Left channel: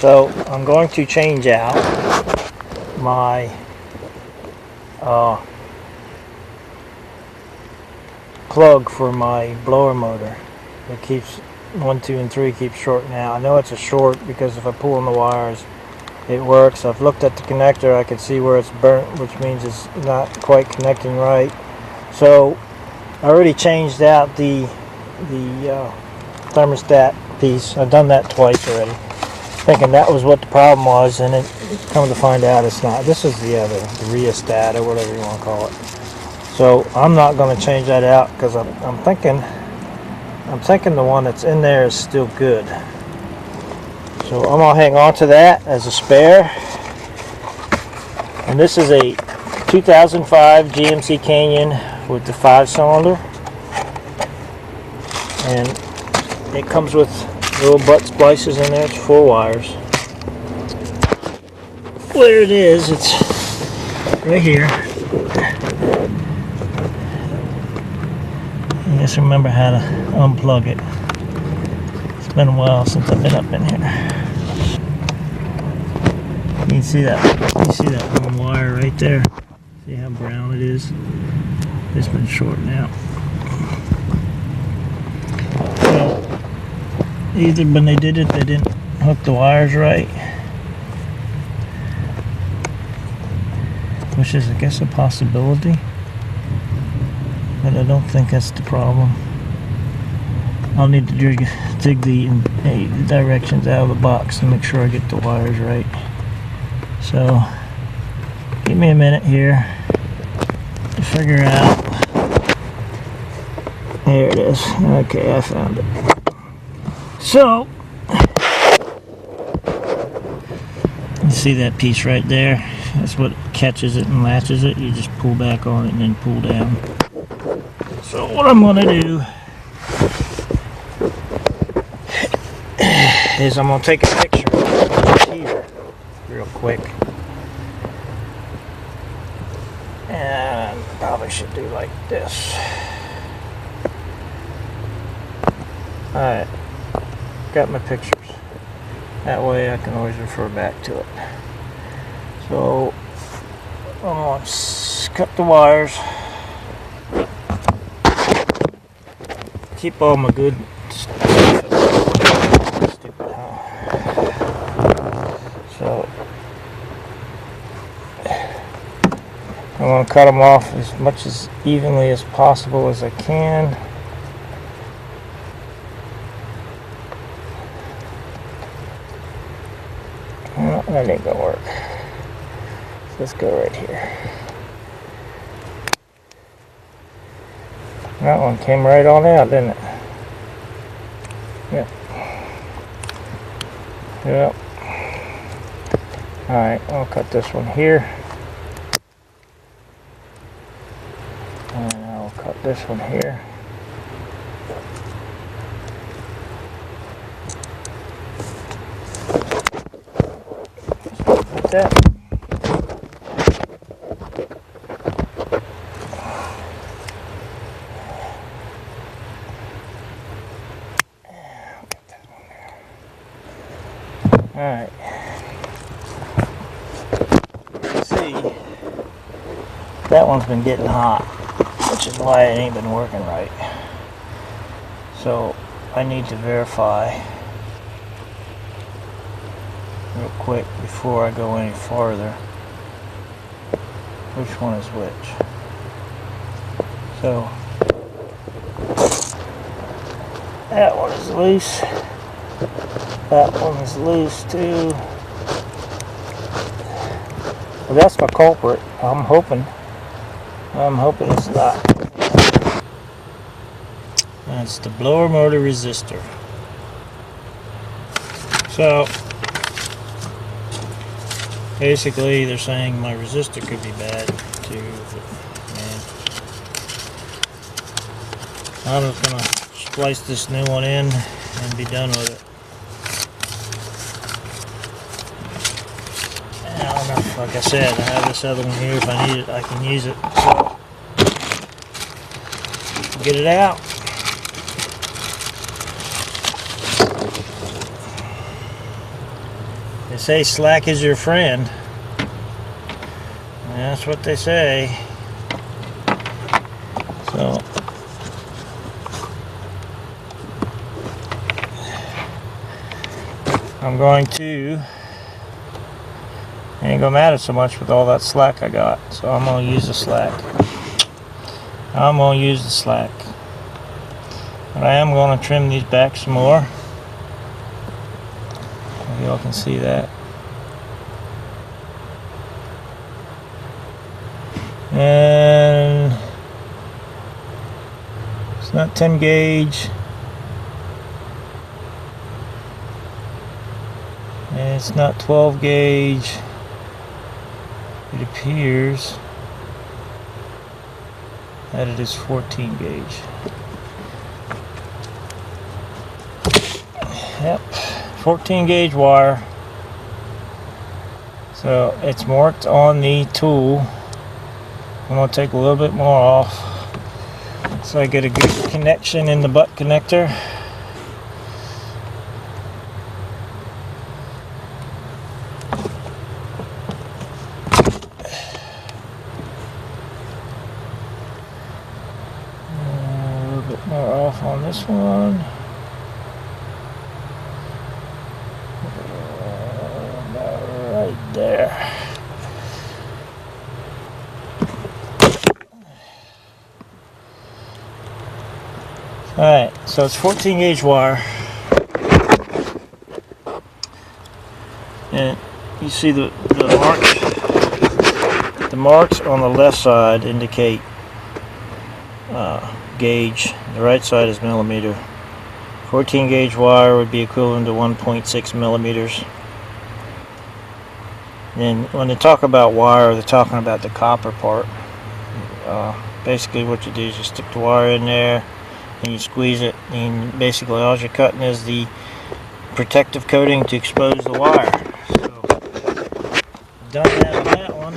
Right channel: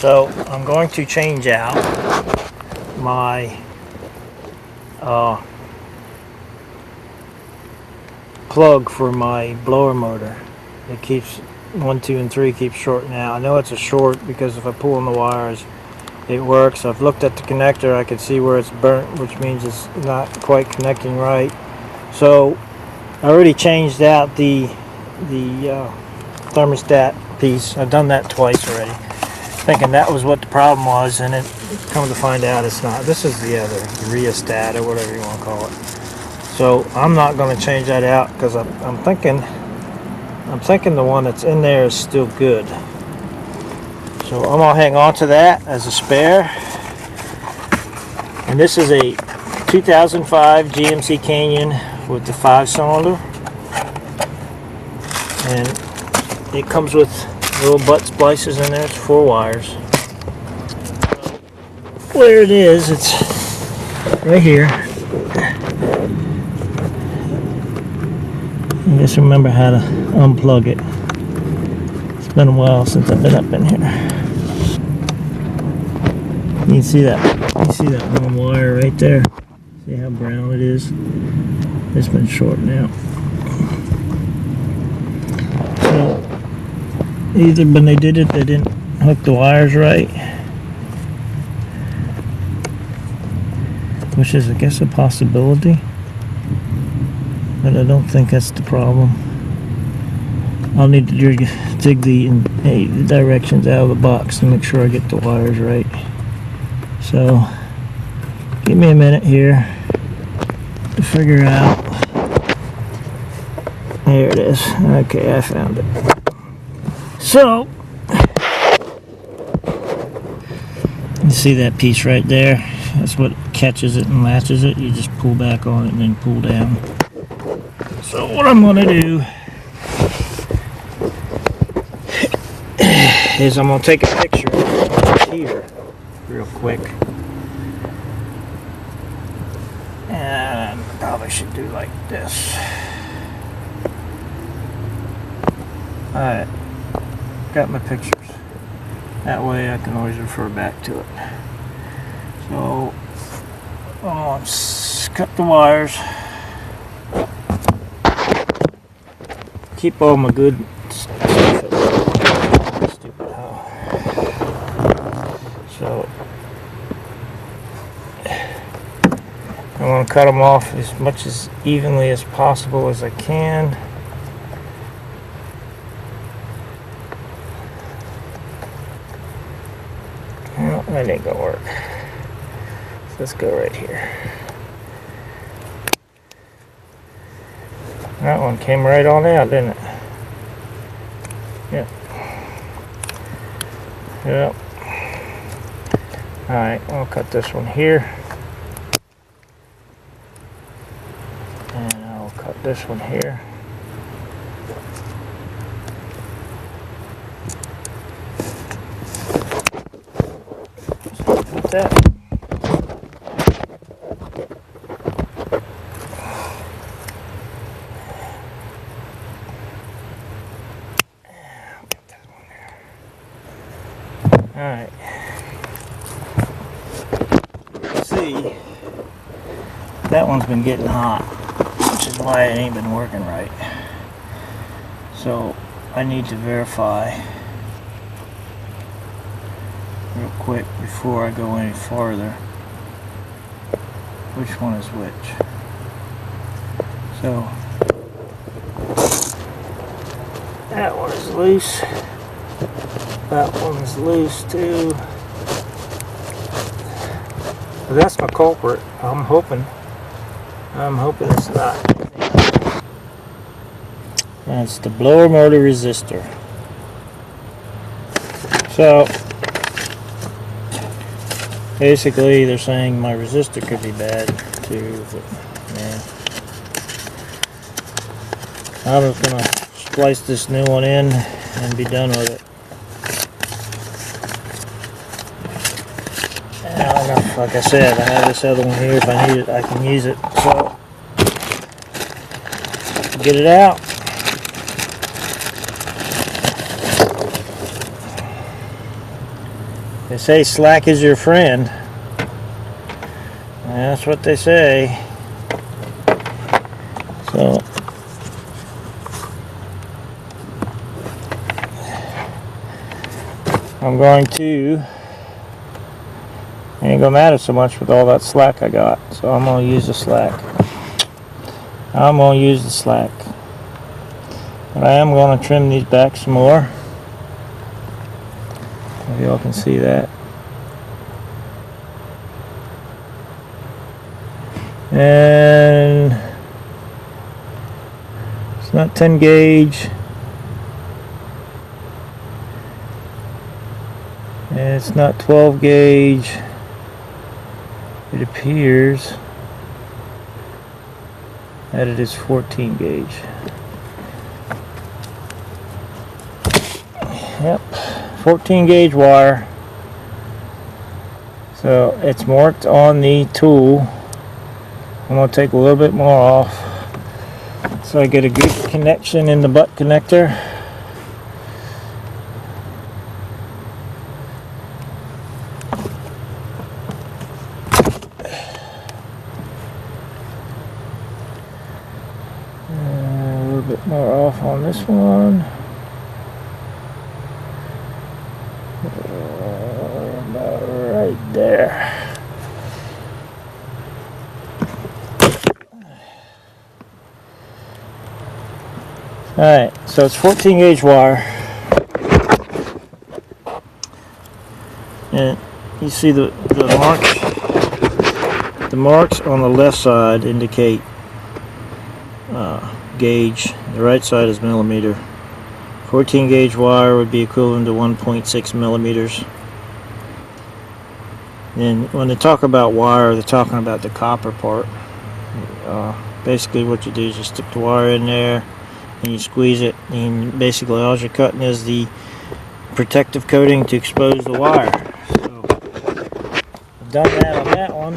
So I'm going to change out my plug for my blower motor. It keeps 1, 2, and 3 keeps shorting out. I know it's a short because if I pull on the wires, it works. I've looked at the connector. I can see where it's burnt, which means it's not quite connecting right. So I already changed out the thermostat piece. I've done that twice already, thinking that was what the problem was, and it come to find out it's not. This is the rheostat or whatever you want to call it. So I'm not going to change that out because I'm thinking the one that's in there is still good. So I'm going to hang on to that as a spare. And this is a 2005 GMC Canyon with the 5-cylinder. And it comes with little butt splices in there. It's 4 wires. Where it is, it's right here. I just remember how to unplug it. It's been a while since I've been up in here. You can see that. You see that one wire right there. See how brown it is? It's been shorting out. So either when they did it, they didn't hook the wires right, which is, I guess, a possibility. But I don't think that's the problem. I'll need to dig the directions out of the box to make sure I get the wires right. So, give me a minute here to figure out. There it is. Okay, I found it. So, you see that piece right there? That's what catches it and latches it. You just pull back on it and then pull down. So what I'm going to do is I'm going to take a picture right here real quick. And I probably should do like this. Alright, got my pictures. That way I can always refer back to it. So I'm going to cut the wires. Keep all my good stuff at work. Stupid, huh? So I'm going to cut them off as much as evenly as possible as I can. Well, that ain't gonna work. Let's go right here. That one came right on out, didn't it? Yep. Yep. Alright, I'll cut this one here. And I'll cut this one here. Like that. Alright. See, that one's been getting hot, which is why it ain't been working right. So I need to verify real quick before I go any farther which one is which. So that one is loose. That one is loose too. But that's my culprit. I'm hoping it's not. That's the blower motor resistor. So basically they're saying my resistor could be bad too. I'm just gonna splice this new one in and be done with it. Like I said, I have this other one here. If I need it, I can use it. So, get it out. They say slack is your friend. And that's what they say. So I'm going to, it ain't gonna matter so much with all that slack I got. So I'm gonna use the slack. I'm gonna use the slack. But I am gonna trim these back some more. If y'all can see that. And it's not 10 gauge. And it's not 12 gauge. It appears that it is 14 gauge. Yep, 14 gauge wire. So it's marked on the tool. I'm going to take a little bit more off so I get a good connection in the butt connector. A little bit more off on this one. About right there. Alright, so it's 14 gauge wire. And you see the marks on the left side indicate gauge. The right side is millimeter. 14 gauge wire would be equivalent to 1.6 millimeters. And when they talk about wire, they're talking about the copper part. Basically what you do is you stick the wire in there and you squeeze it, and basically all you're cutting is the protective coating to expose the wire. So I've done that on that one.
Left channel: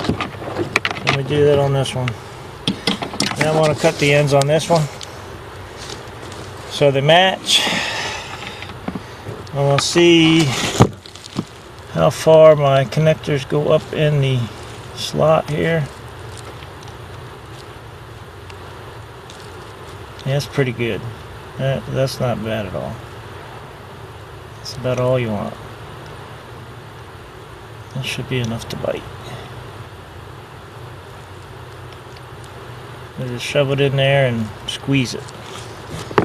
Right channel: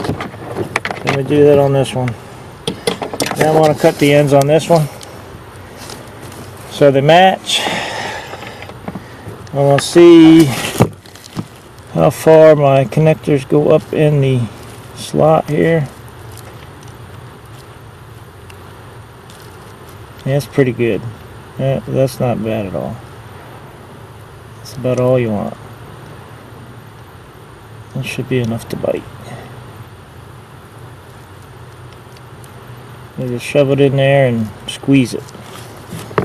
I'm going to do that on this one. Now I want to cut the ends on this one so they match. I want to see how far my connectors go up in the slot here. Yeah, that's pretty good. That's not bad at all. That's about all you want. That should be enough to bite. You just shove it in there and squeeze it.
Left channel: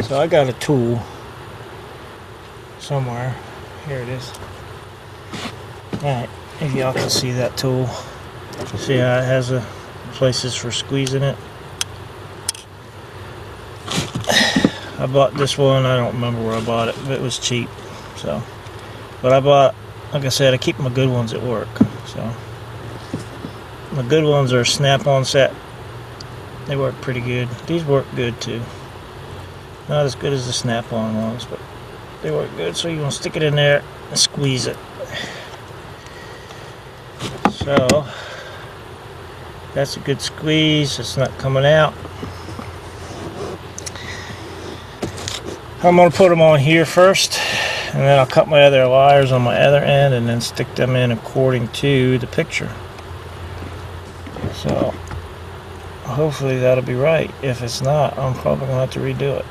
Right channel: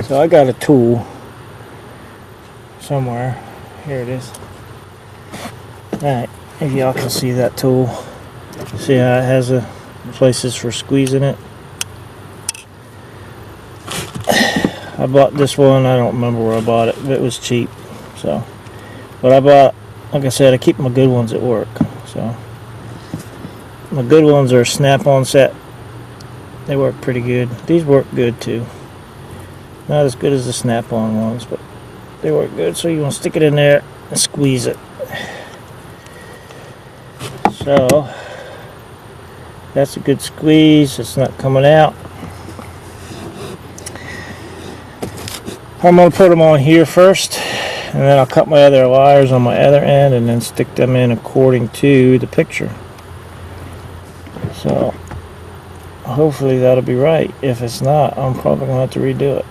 So I got a tool somewhere. Here it is. Alright, if y'all can see that tool. See how it has places for squeezing it. I bought this one, I don't remember where I bought it, but it was cheap. So, but I bought, like I said, I keep my good ones at work. So, my good ones are snap-on set. They work pretty good. These work good too. Not as good as the snap-on ones, but they work good. So you want to stick it in there and squeeze it. So, that's a good squeeze. It's not coming out. I'm going to put them on here first, and then I'll cut my other wires on my other end and then stick them in according to the picture. So hopefully that'll be right. If it's not, I'm probably going to have to redo it.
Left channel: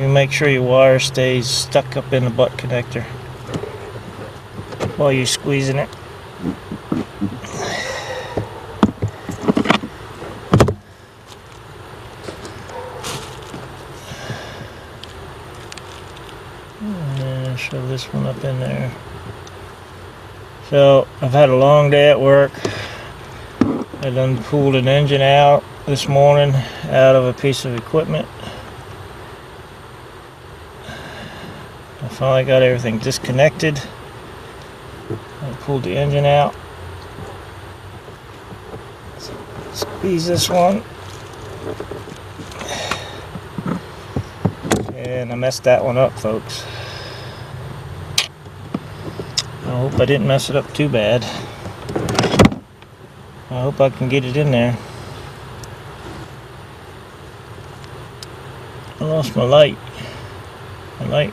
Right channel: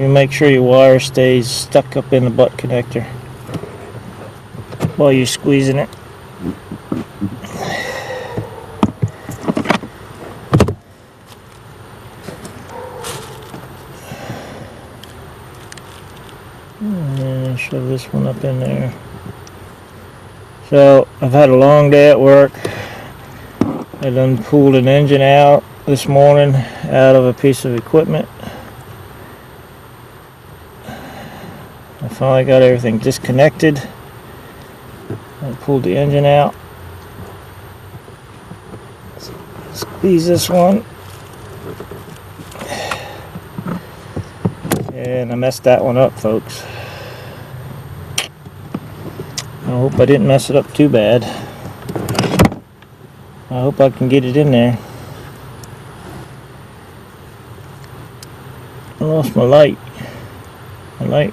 You make sure your wire stays stuck up in the butt connector while you're squeezing it. And shove this one up in there. So I've had a long day at work. I done pulled an engine out this morning out of a piece of equipment. I finally got everything disconnected. I pulled the engine out. Squeeze this one. And I messed that one up, folks. I hope I didn't mess it up too bad. I hope I can get it in there. I lost my light. I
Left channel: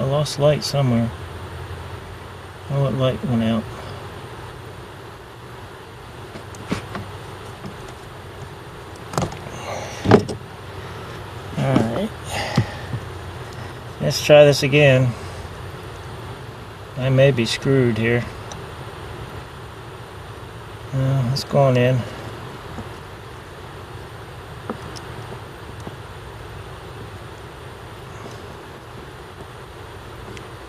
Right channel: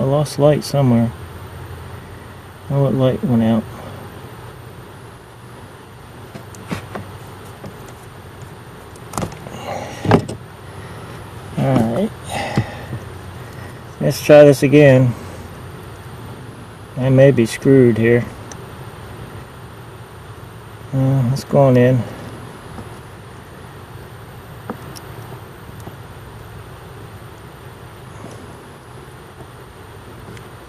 lost light somewhere. Oh, what light went out? Alright. Let's try this again. I may be screwed here. Let's go on in.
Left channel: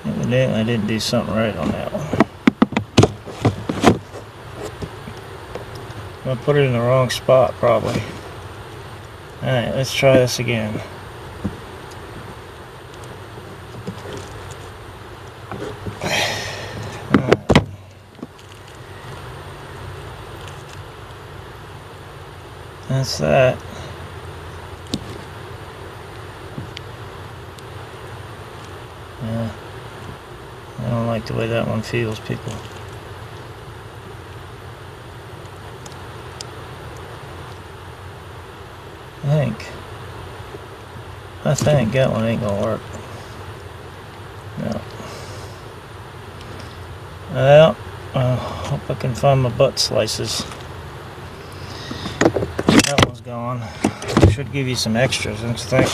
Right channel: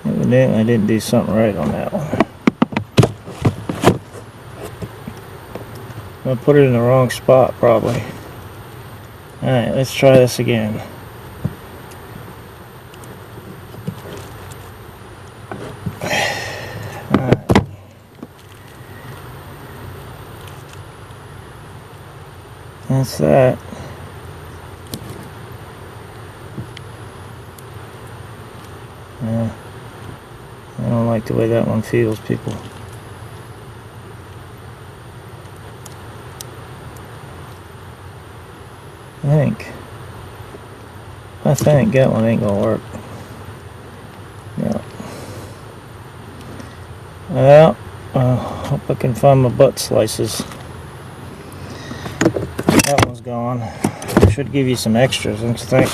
Evidently I didn't do something right on that one. I put it in the wrong spot probably. Alright, let's try this again. That's that. Yeah. I don't like the way that one feels, people. I think that one ain't gonna work. No. Well, I hope I can find my butt slices. That one's gone. I should give you some extras, don't you think?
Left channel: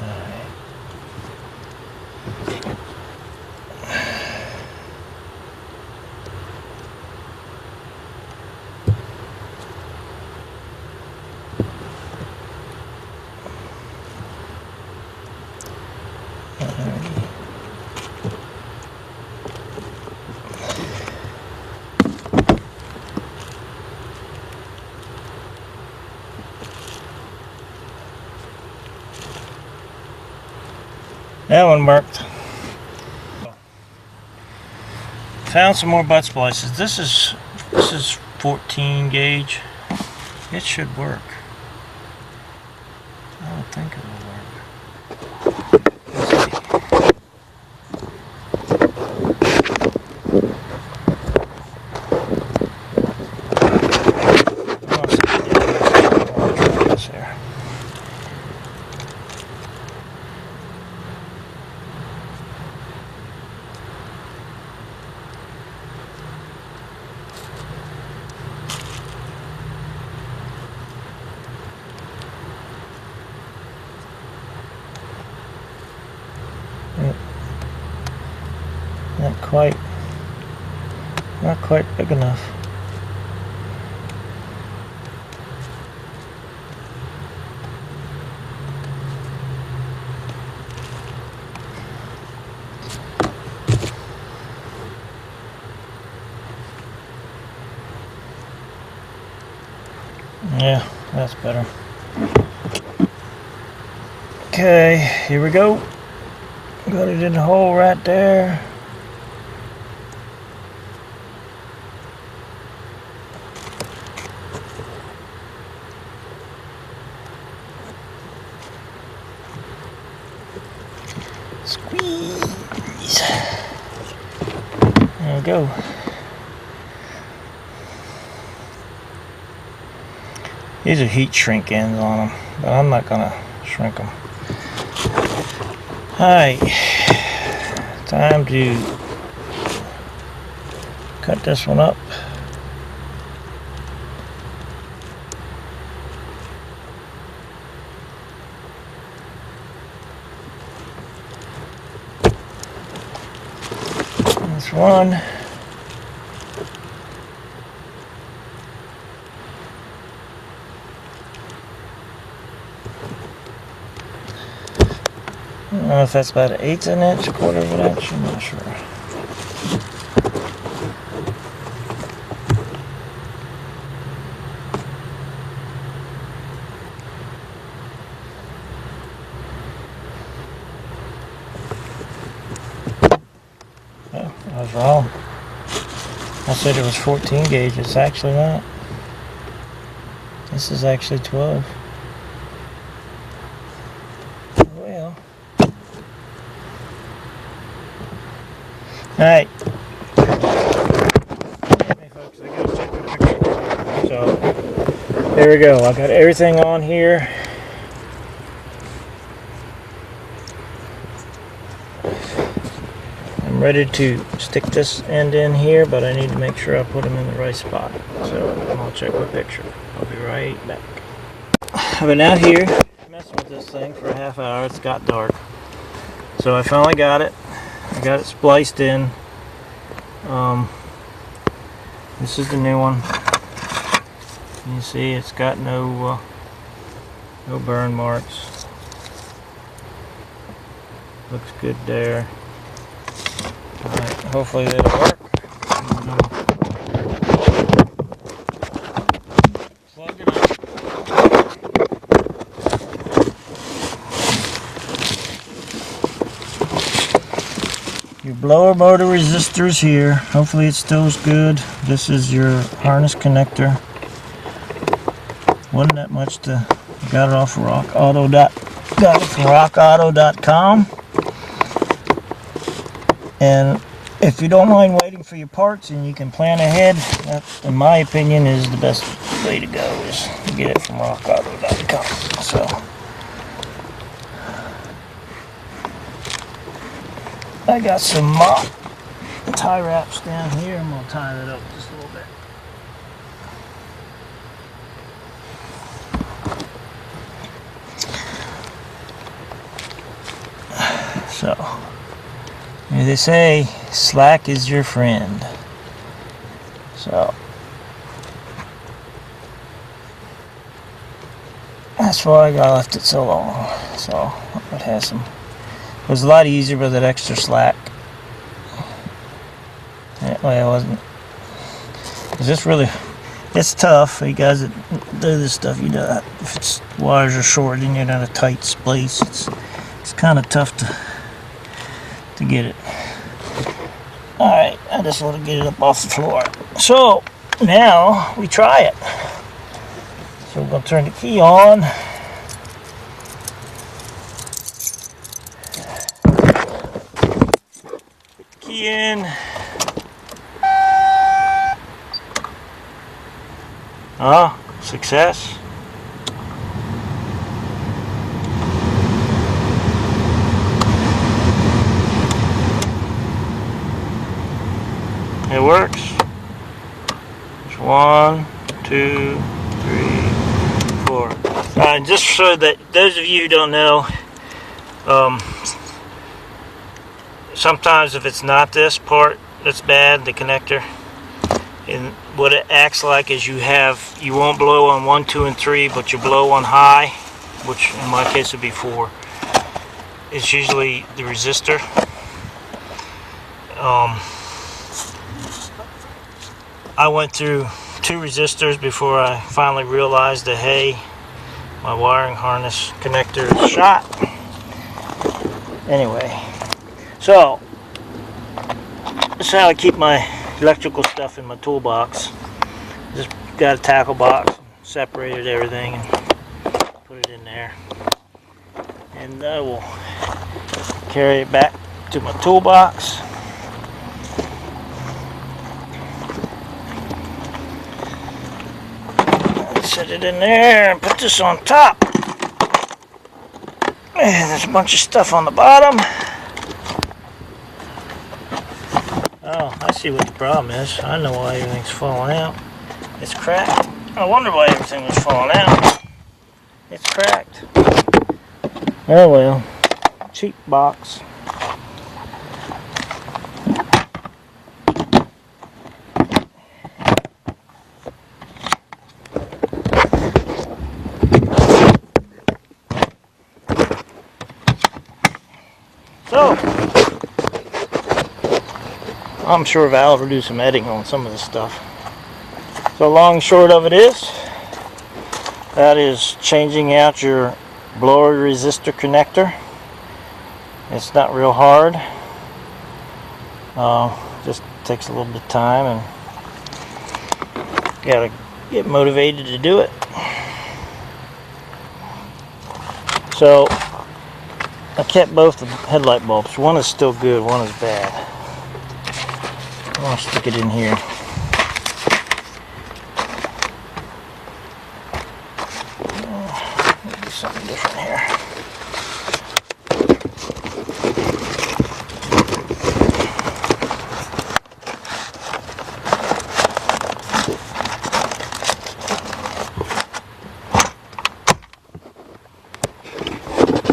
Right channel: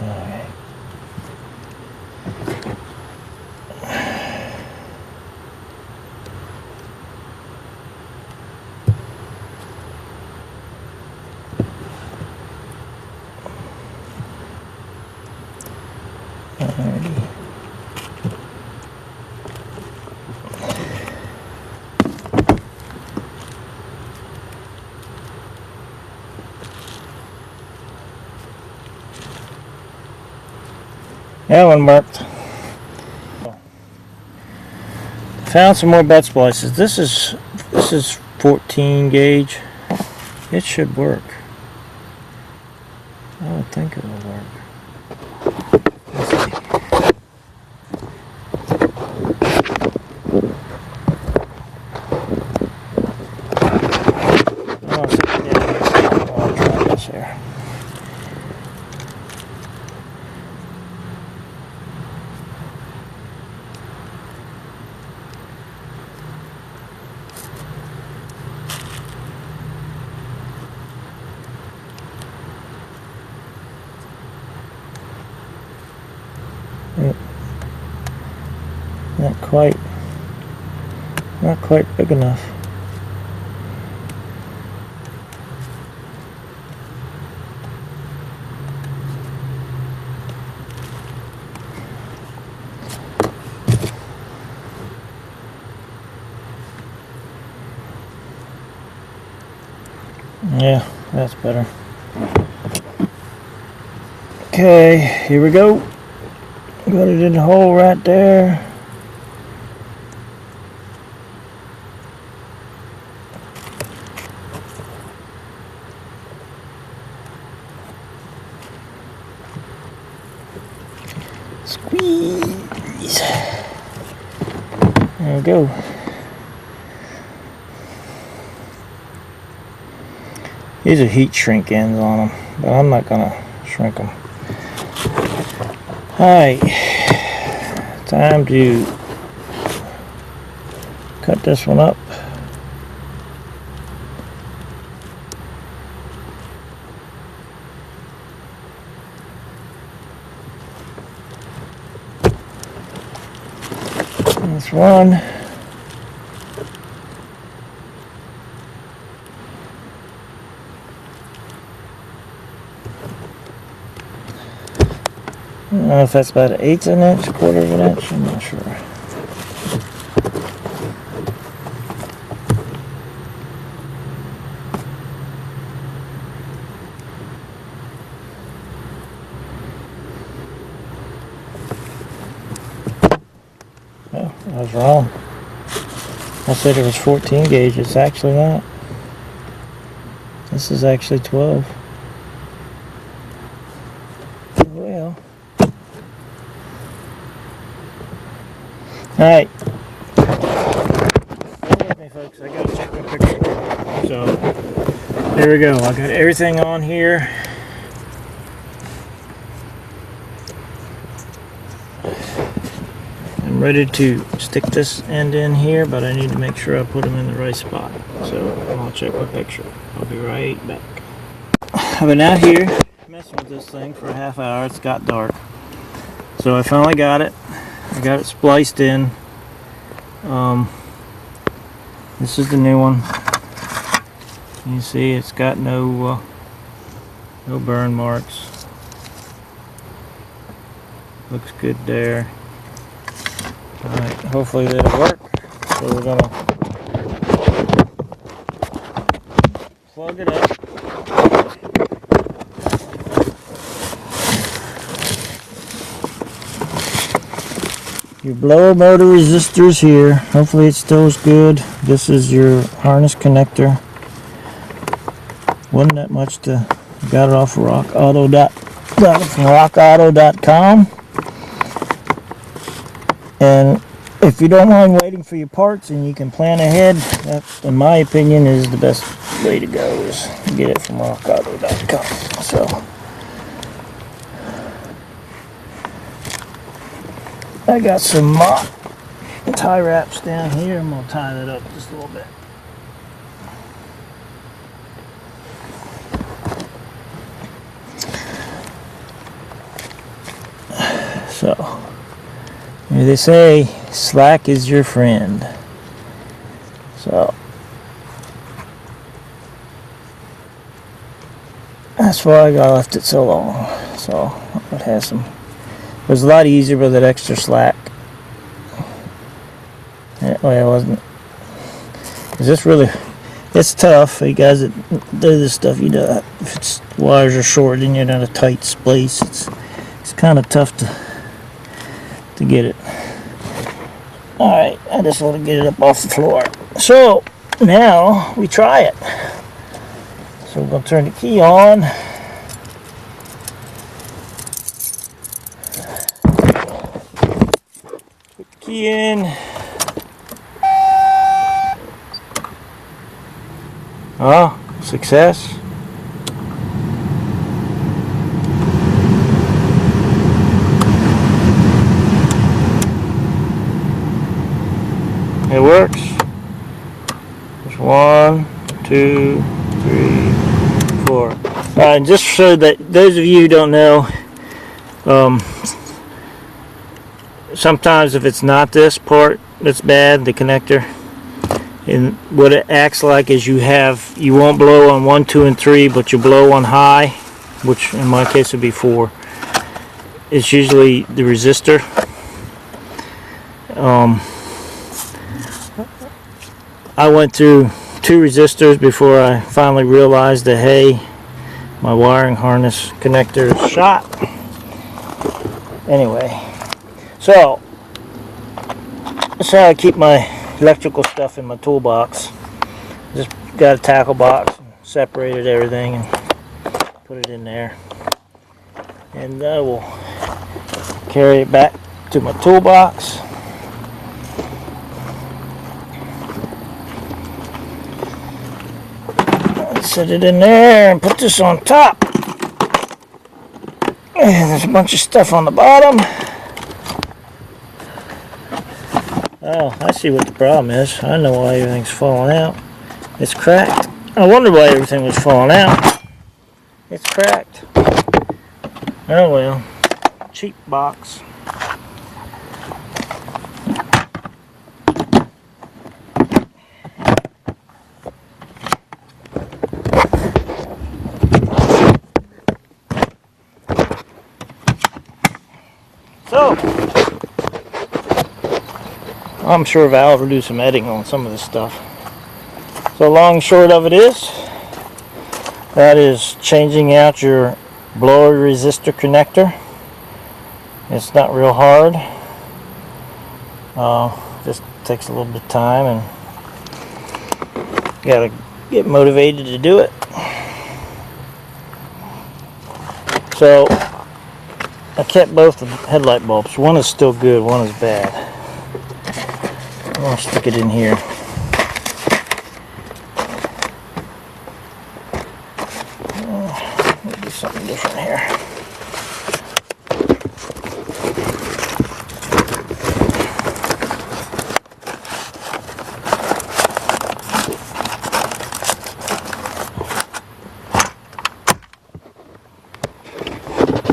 Alright. That one worked. Found some more butt splices. This is 14 gauge. It should work. I would think it will work. Let's see. I'll try this here. Not quite big enough. Yeah, that's better. Okay, here we go. Got it in the hole right there. Squeeze. There we go. These are heat shrink ends on them, but I'm not gonna shrink them. Alright, time to cut this one up. Let's run. I don't know if that's about 1/8 of an inch, 1/4 of an inch, I'm not sure. Oh, I was wrong. I said it was 14 gauge, it's actually not. This is actually 12. Well. Alright. folks, I gotta check my picture. So, there we go. I got everything on here. I'm ready to stick this end in here, but I need to make sure I put them in the right spot. So, I'll check my picture. I'll be right back. I've been out here messing with this thing for a half hour. It's got dark. So, I finally got it. I got it spliced in. This is the new one. You see, it's got no burn marks. Looks good there. Alright, hopefully that'll work. So we're gonna plug it up. Your blower motor resistors here. Hopefully it still is good. This is your harness connector. Wasn't that much to got it off got it from rockauto.com. And if you don't mind waiting for your parts and you can plan ahead, that, in my opinion, is the best way to go, is to get it from rockauto.com. So I got some tie wraps down here. I'm going to tie that up just a little bit. So, they say slack is your friend. So, that's why I left it so long. So, it has some. It was a lot easier with that extra slack. Well, it wasn't. It's just really, it's tough for you guys that do this stuff. You know, if it's wires are short and you're in a tight space, it's kind of tough to get it. Alright, I just want to get it up off the floor. So, now we try it. So we're going to turn the key on. Put the key in. Success. It works. Just 1, 2, 3, 4. Just so that those of you who don't know, sometimes if it's not this part that's bad, the connector, and what it acts like is you won't blow on 1, 2, and 3, but you blow on high, which in my case would be 4. It's usually the resistor. I went through 2 resistors before I finally realized that, hey, my wiring harness connector is shot. Anyway, so that's how I keep my electrical stuff in my toolbox. Just got a tackle box, separated everything, and put it in there. And I will carry it back to my toolbox. Set it in there and put this on top. And there's a bunch of stuff on the bottom. Oh, I see what the problem is. I know why everything's falling out. It's cracked. I wonder why everything was falling out. It's cracked. Oh well. Cheap box. So, I'm sure Val will do some editing on some of this stuff. So long and short of it is, that is changing out your blower resistor connector. It's not real hard. Just takes a little bit of time, and you gotta get motivated to do it. So I kept both the headlight bulbs. One is still good, one is bad. I'm going to stick it in here.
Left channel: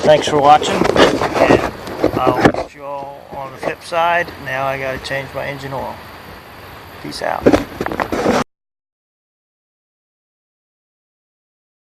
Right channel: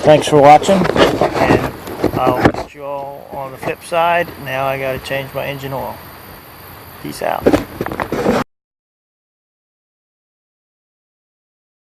Thanks for watching. And I'll catch you all on the flip side. Now I got to change my engine oil. Peace out.